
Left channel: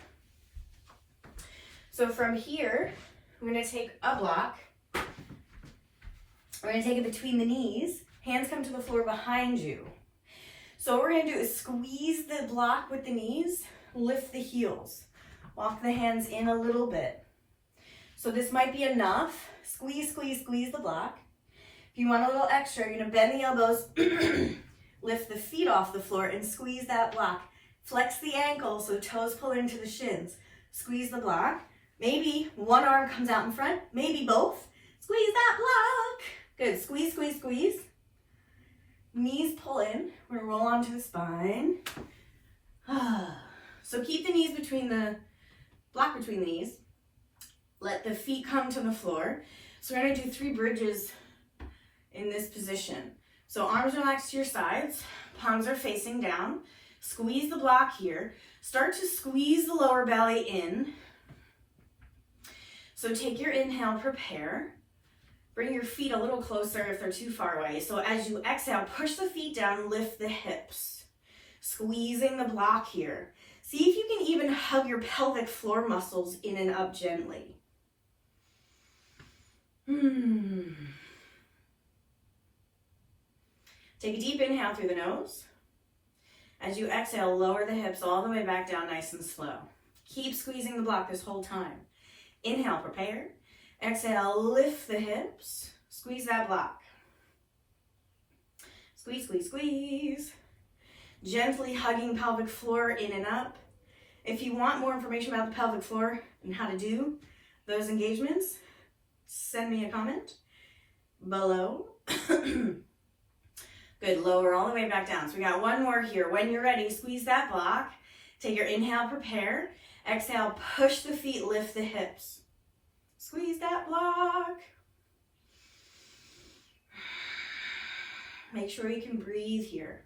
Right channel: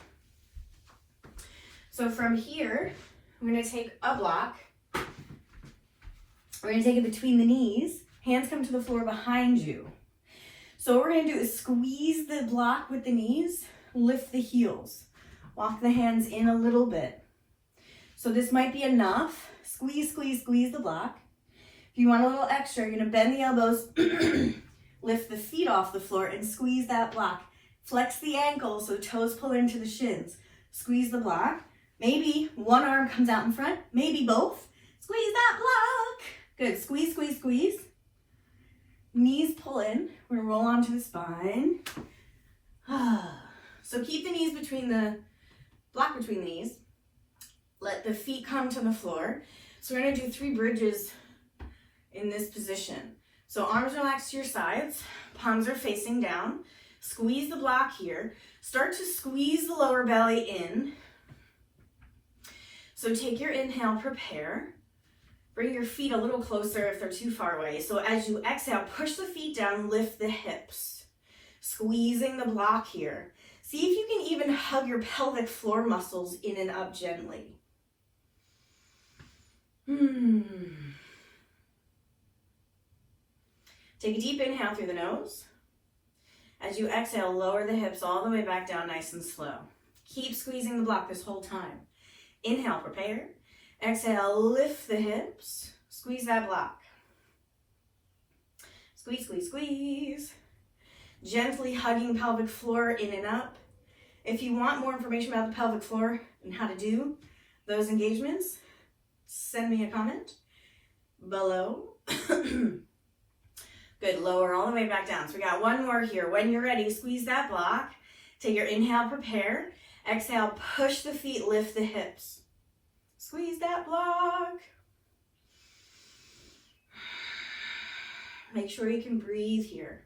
So from here, I'm gonna take a block. We're gonna take it between the knees. Hands come to the floor behind you. So what we're gonna do is squeeze the block with the knees, lift the heels. Walk the hands in a little bit. So this might be enough. Squeeze, squeeze, squeeze the block. If you want a little extra, you're gonna bend the elbows, lift the feet off the floor and squeeze that block. Flex the ankles so toes pull into the shins. Squeeze the block. Maybe one arm comes out in front, maybe both. Squeeze that block. Good, squeeze, squeeze, squeeze. Knees pull in. We're gonna roll onto the spine. So keep the knees between the, block between the knees. Let the feet come to the floor. So we're gonna do 3 bridges in this position. So arms relaxed to your sides, palms are facing down. Squeeze the block here. Start to squeeze the lower belly in. So take your inhale, prepare. Bring your feet a little closer if they're too far away. So as you exhale, push the feet down, lift the hips. Squeezing the block here. See if you can even hug your pelvic floor muscles in and up gently. Take a deep inhale through the nose. As you exhale, lower the hips all the way back down nice and slow. Keep squeezing the block this whole time. Inhale, prepare. Exhale, lift the hips. Squeeze that block. Squeeze, squeeze, squeeze. Gently hugging pelvic floor in and up. If you want more information about the pelvic floor and how to do those engagements, send me a comment below. Good, lower all the way back down. So we got one more here. When you're ready, squeeze that block. Take your inhale, prepare. Exhale, push the feet, lift the hips. Squeeze that block. Make sure you can breathe here.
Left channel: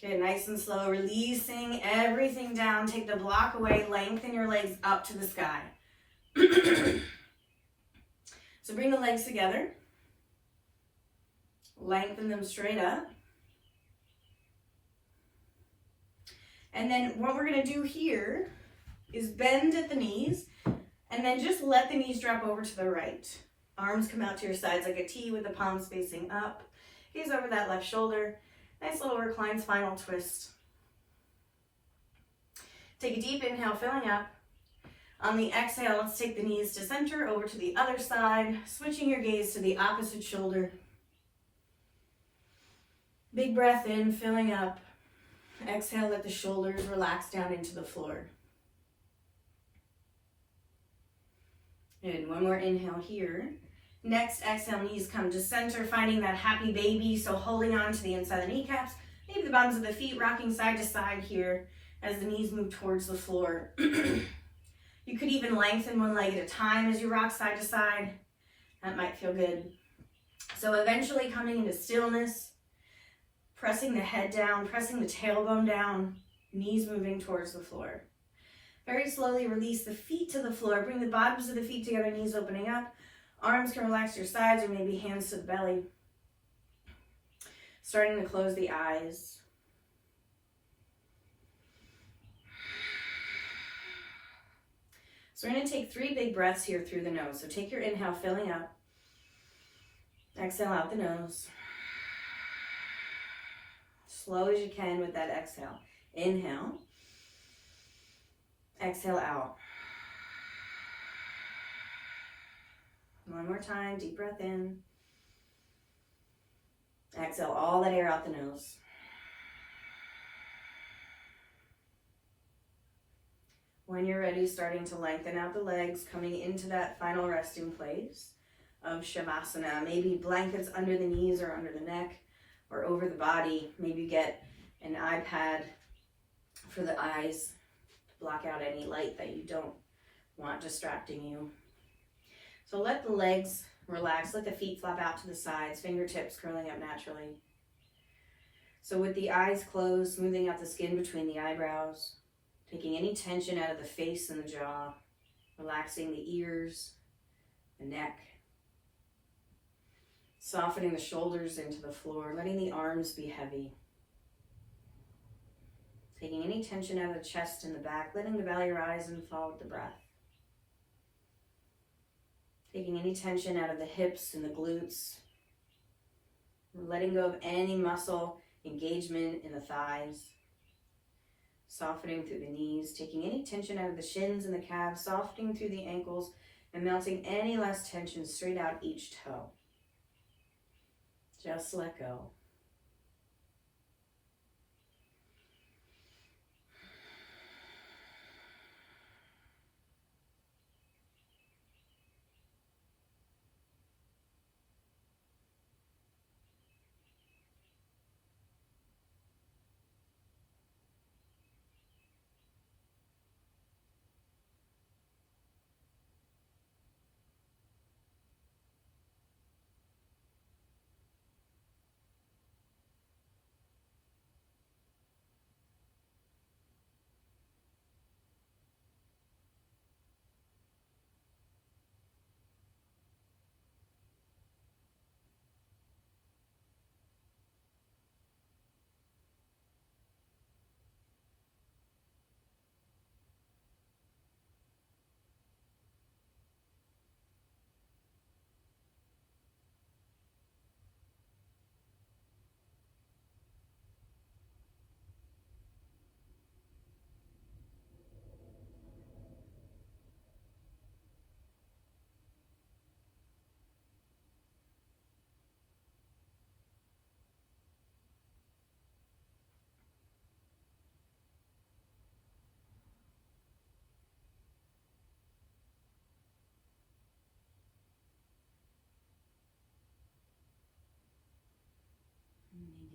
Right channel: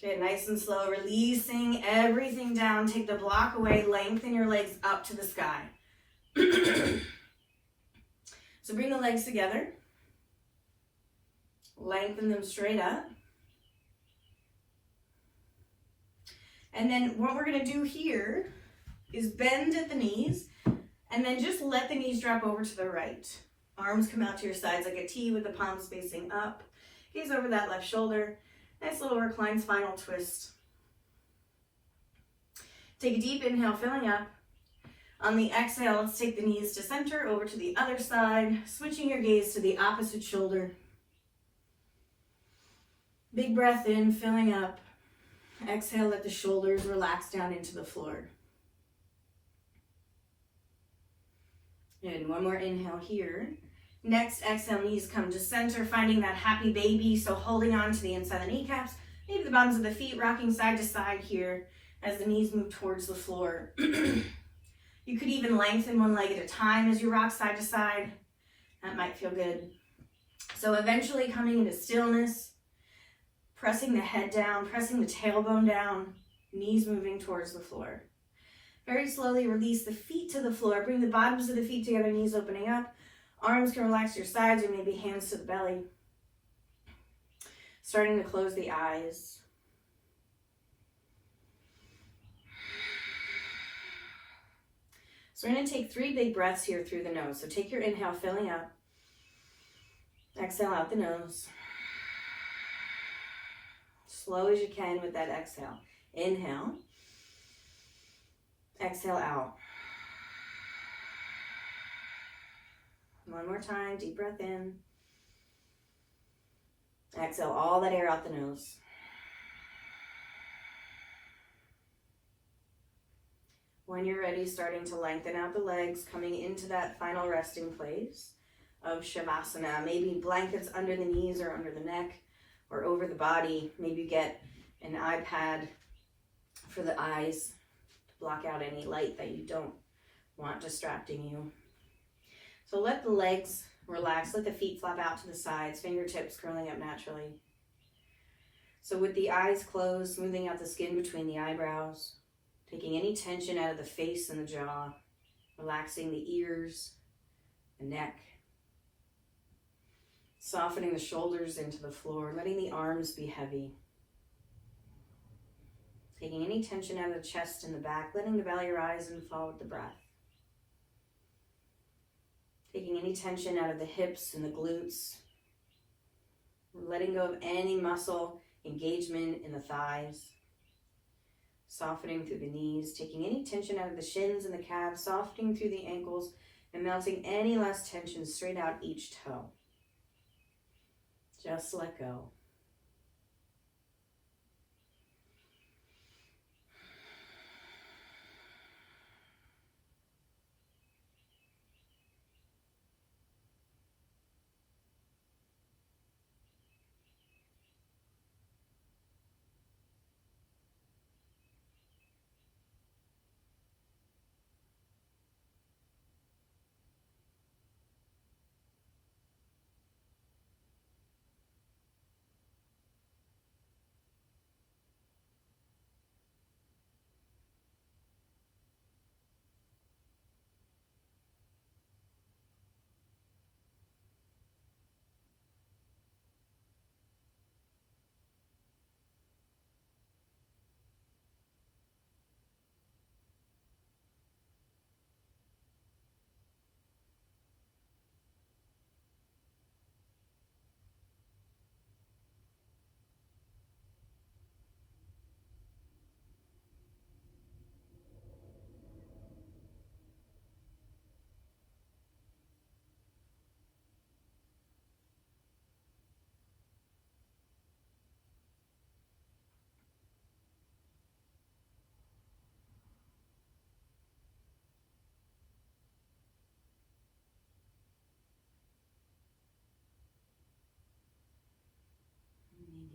Good, nice and slow, releasing everything down. Take the block away, lengthen your legs up to the sky. So bring the legs together. Lengthen them straight up. And then what we're gonna do here is bend at the knees and then just let the knees drop over to the right. Arms come out to your sides like a T with the palms facing up. Gaze over that left shoulder. Nice little reclined spinal twist. Take a deep inhale, filling up. On the exhale, let's take the knees to center, over to the other side, switching your gaze to the opposite shoulder. Big breath in, filling up. Exhale, let the shoulders relax down into the floor. And one more inhale here. Next exhale, knees come to center, finding that happy baby. So holding on to the inside of the kneecaps, maybe the bottoms of the feet, rocking side to side here as the knees move towards the floor. You could even lengthen one leg at a time as you rock side to side. That might feel good. So eventually coming into stillness, pressing the head down, pressing the tailbone down, knees moving towards the floor. Very slowly release the feet to the floor. Bring the bottoms of the feet together, knees opening up. Arms can relax to your sides or maybe hands to the belly. Starting to close the eyes. So we're going to take 3 big breaths here through the nose. So take your inhale, filling up. Exhale out the nose. Slow as you can with that exhale. Inhale. Exhale out. One more time, deep breath in. Exhale all that air out the nose. When you're ready, starting to lengthen out the legs, coming into that final resting place of Shavasana. Maybe blankets under the knees or under the neck or over the body. Maybe get an iPad for the eyes to block out any light that you don't want distracting you. So let the legs relax, let the feet flop out to the sides, fingertips curling up naturally. So with the eyes closed, smoothing out the skin between the eyebrows, taking any tension out of the face and the jaw, relaxing the ears, the neck, softening the shoulders into the floor, letting the arms be heavy. Taking any tension out of the chest and the back, letting the belly rise and fall with the breath. Taking any tension out of the hips and the glutes. Letting go of any muscle engagement in the thighs. Softening through the knees, taking any tension out of the shins and the calves, softening through the ankles, and melting any less tension straight out each toe. Just let go.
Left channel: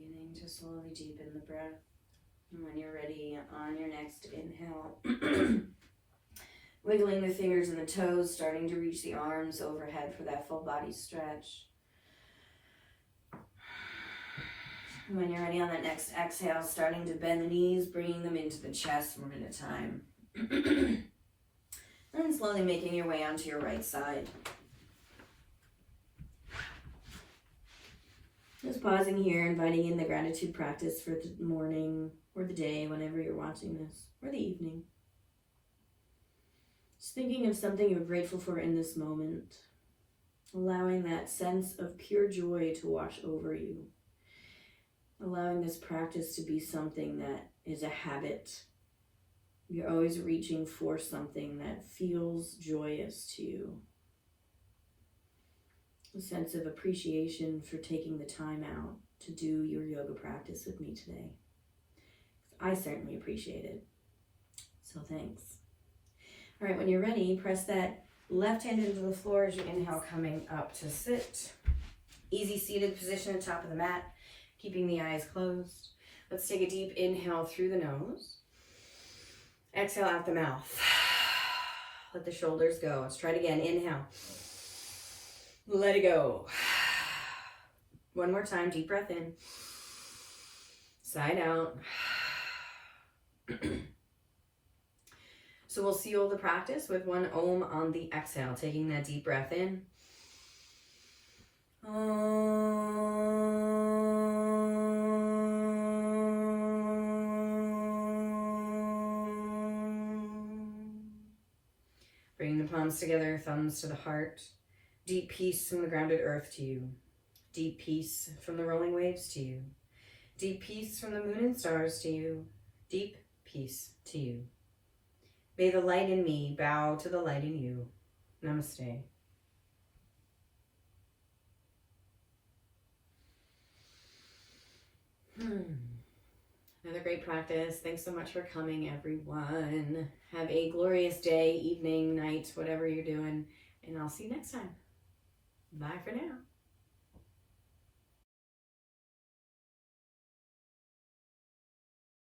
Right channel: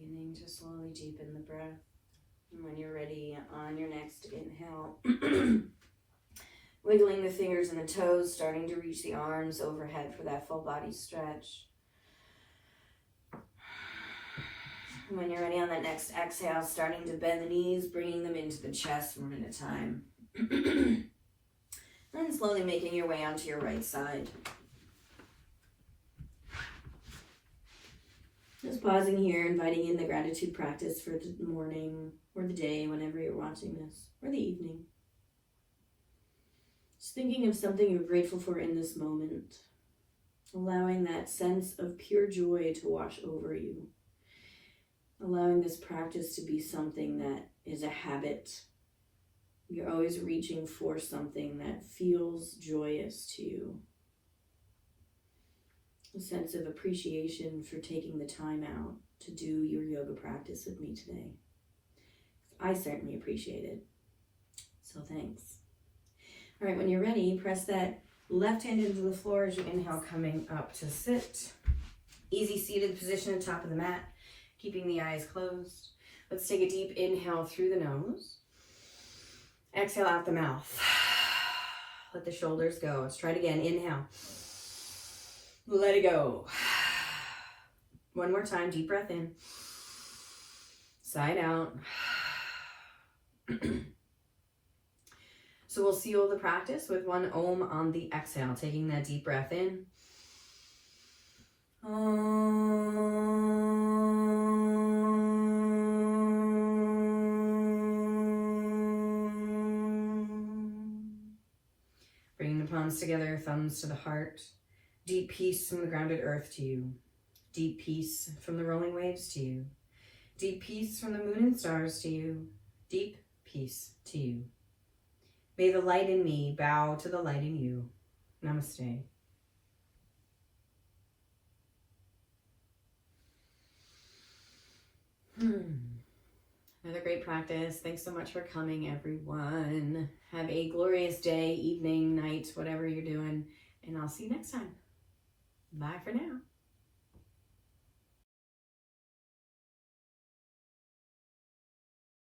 Beginning to slowly deepen the breath. And when you're ready, on your next inhale, wiggling the fingers and the toes, starting to reach the arms overhead for that full body stretch. And when you're ready on that next exhale, starting to bend the knees, bringing them into the chest one at a time. And slowly making your way onto your right side. Just pausing here, inviting in the gratitude practice for the morning or the day, whenever you're watching this, or the evening. Just thinking of something you're grateful for in this moment. Allowing that sense of pure joy to wash over you. Allowing this practice to be something that is a habit. You're always reaching for something that feels joyous to you. A sense of appreciation for taking the time out to do your yoga practice with me today. I certainly appreciate it. So thanks. All right, when you're ready, press that left hand into the floor as you inhale, coming up to sit. Easy seated position at the top of the mat, keeping the eyes closed. Let's take a deep inhale through the nose. Exhale out the mouth. Let the shoulders go. Let's try it again. Inhale. Let it go. One more time. Deep breath in. Side out. So we'll seal the practice with one Om on the exhale. Taking that deep breath in. Bringing the palms together, thumbs to the heart. Deep peace from the grounded earth to you. Deep peace from the rolling waves to you. Deep peace from the moon and stars to you. Deep peace to you. May the light in me bow to the light in you. Namaste. Another great practice. Thanks so much for coming, everyone. Have a glorious day, evening, night, whatever you're doing, and I'll see you next time. Bye for now.